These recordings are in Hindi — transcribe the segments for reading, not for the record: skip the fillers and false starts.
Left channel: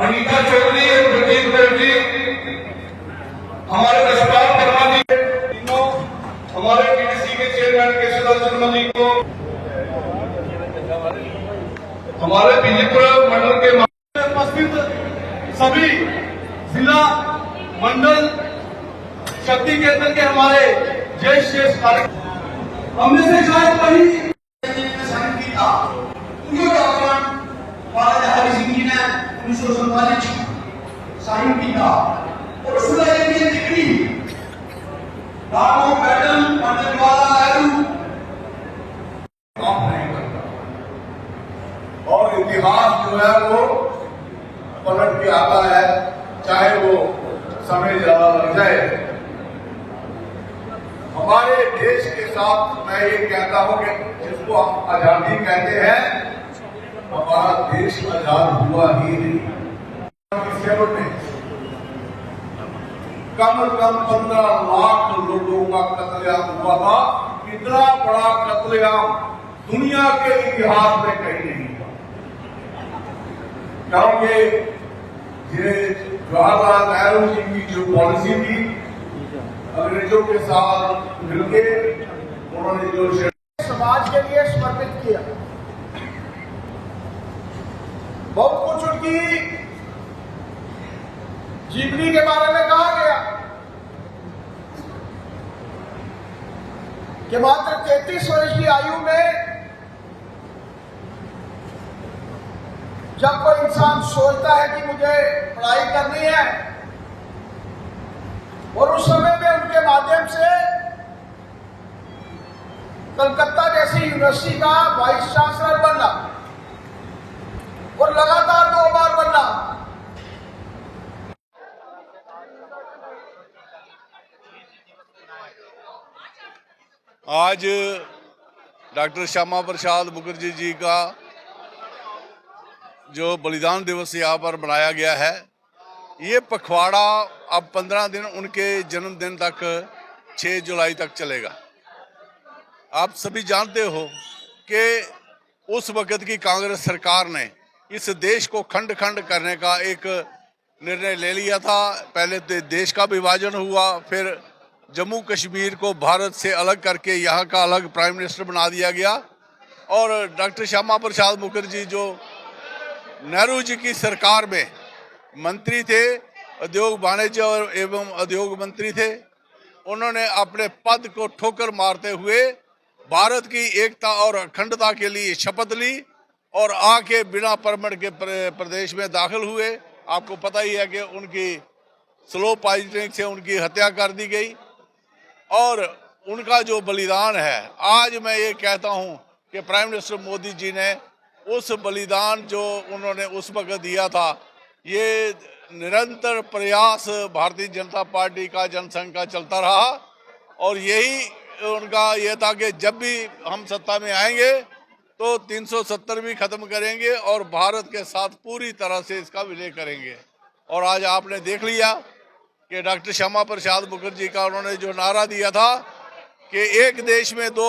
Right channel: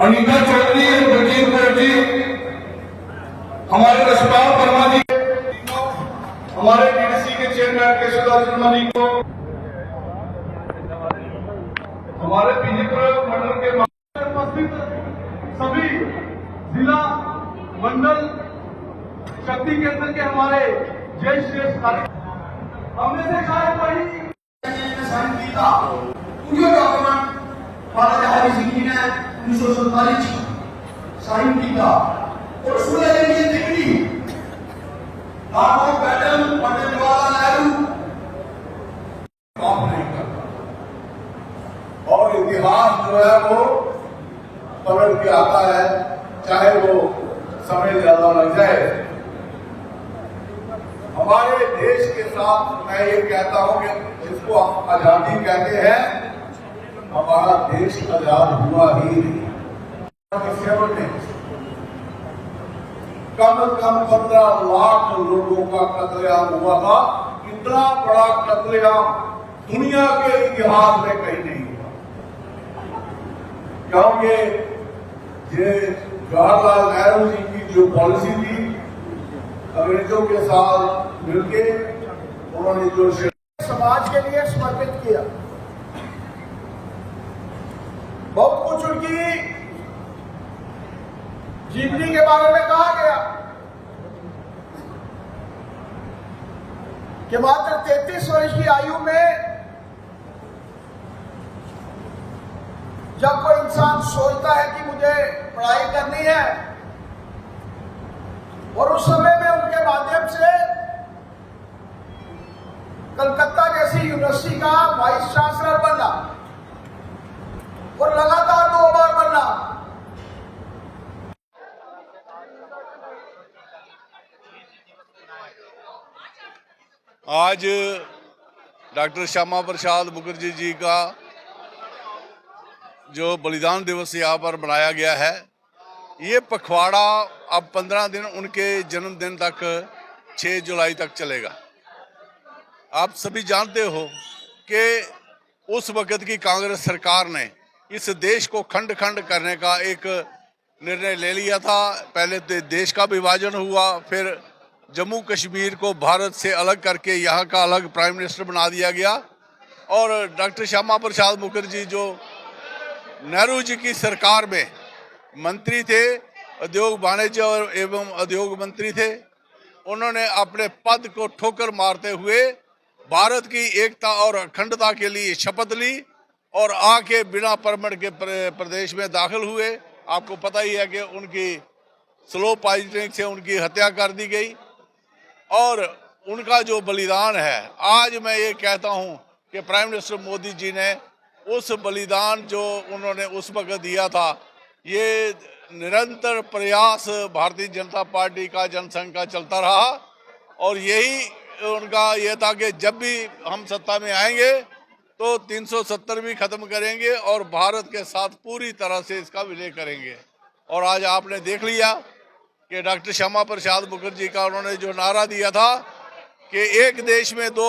अनीता चौधरी जी, हमारे कशपाल वर्मा जी, हमारे पीडीसी के चेयरमैन केशवदास शर्मा जी को, हमारे बीजेपुर मंडल के उपस्थित सभी जिला मंडल शक्ति केंद्र के हमारे ज्येष्ठ हमने से शायद वही उन्नीस सौ सैंतालीस साइन किया और उसका एक डिग्री लाखों पैटर्न पंडित जवाहरलाल नेहरू काम नहीं करता और इतिहास जो है वो पलट के आता है, चाहे वो समय ज्यादा लग जाए। हमारे देश के साथ मैं ये कहता हूं कि जिसको हम आजादी कहते हैं, हमारा देश आजाद हुआ ही नहीं। में कम से कम 15 लाख लोगों का कत्लेआम हुआ था। इतना बड़ा कत्लेआम दुनिया के इतिहास में कहीं नहीं हुआ, क्योंकि ये जवाहरलाल नेहरू जी की जो पॉलिसी थी, अंग्रेजों के साथ मिलके उन्होंने जो समाज के लिए समर्पित किया। बहुत कुछ उनकी जीवनी के बारे में कहा गया कि मात्र 33 वर्ष की आयु में जब कोई इंसान सोचता है कि मुझे पढ़ाई करनी है, और उस समय में उनके माध्यम से कलकत्ता जैसी यूनिवर्सिटी का वाइस चांसलर बनना और लगातार 2 बार बनना। आज डॉक्टर श्यामा प्रसाद मुखर्जी जी का जो बलिदान दिवस यहाँ पर मनाया गया है, ये पखवाड़ा अब 15 दिन उनके जन्मदिन तक 6 जुलाई तक चलेगा। आप सभी जानते हो कि उस वक्त की कांग्रेस सरकार ने इस देश को खंड खंड करने का एक निर्णय ले लिया था। पहले देश का विभाजन हुआ, फिर जम्मू कश्मीर को भारत से अलग करके यहाँ का अलग प्राइम मिनिस्टर बना दिया गया। और डॉक्टर श्यामा प्रसाद मुखर्जी जो नेहरू जी की सरकार में मंत्री थे, उद्योग वाणिज्य और एवं उद्योग मंत्री थे, उन्होंने अपने पद को ठोकर मारते हुए भारत की एकता और अखंडता के लिए शपथ ली और आके बिना परमिट के प्रदेश में दाखिल हुए। आपको पता ही है कि उनकी स्लो पॉइजनिंग से उनकी हत्या कर दी गई। और उनका जो बलिदान है, आज मैं ये कहता हूं कि प्राइम मिनिस्टर मोदी जी ने उस बलिदान जो उन्होंने उस वक्त दिया था, ये निरंतर प्रयास भारतीय जनता पार्टी का जनसंघ का चलता रहा। और यही उनका ये था कि जब भी हम सत्ता में आएंगे तो 370 भी खत्म करेंगे और भारत के साथ पूरी तरह से इसका विलय करेंगे। और आज आपने देख लिया कि डॉक्टर श्यामा प्रसाद मुखर्जी का उन्होंने जो नारा दिया था कि एक देश में 2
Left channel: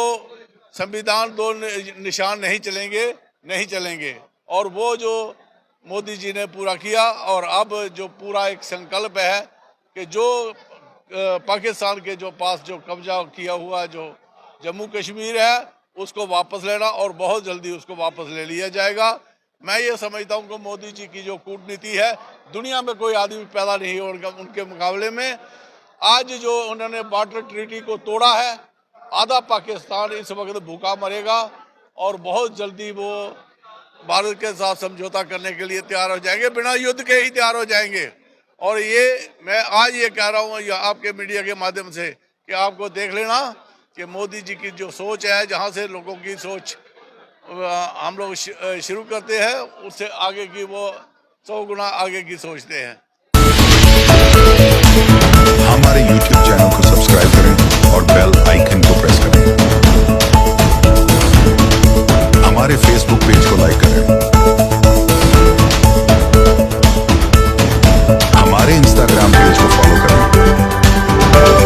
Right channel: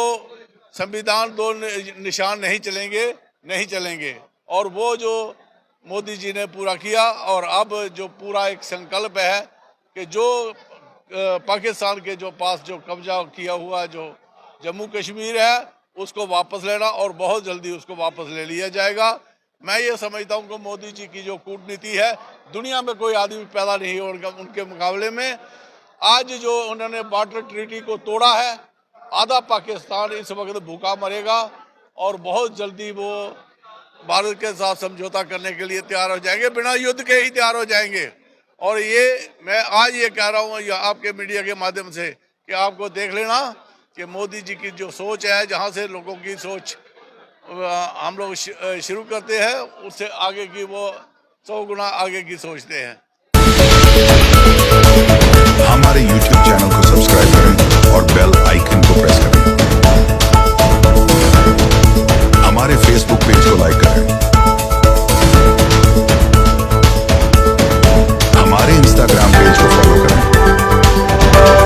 संविधान, 2 निशान नहीं चलेंगे, और वो जो मोदी जी ने पूरा किया। और अब जो पूरा एक संकल्प है कि जो पाकिस्तान के जो पास जो कब्जा किया हुआ जो जम्मू कश्मीर है, उसको वापस लेना, और बहुत जल्दी उसको वापस ले लिया जाएगा। मैं ये समझता हूं कि मोदी जी की जो कूटनीति है, दुनिया में कोई आदमी पैदा नहीं होगा उनके मुकाबले में। आज जो उन्होंने बॉर्डर ट्रीटी को तोड़ा है, आधा पाकिस्तान इस वक्त भूखा मरेगा और बहुत जल्दी वो भारत के साथ समझौता करने के लिए तैयार हो जाएंगे, बिना युद्ध के ही तैयार हो जाएंगे। और ये मैं आज ये कह रहा हूँ आपके मीडिया के माध्यम से कि आपको देख लेना कि मोदी जी की जो सोच है, जहाँ से लोगों की सोच हम लोग शुरू करते हैं, उससे आगे की वो 100 गुना आगे की सोचते हैं। हमारे YouTube चैनल को सब्सक्राइब करें और बेल आइकन को प्रेस करें। हमारे Facebook पेज को लाइक करें। हमारे Instagram पेज को फॉलो करें।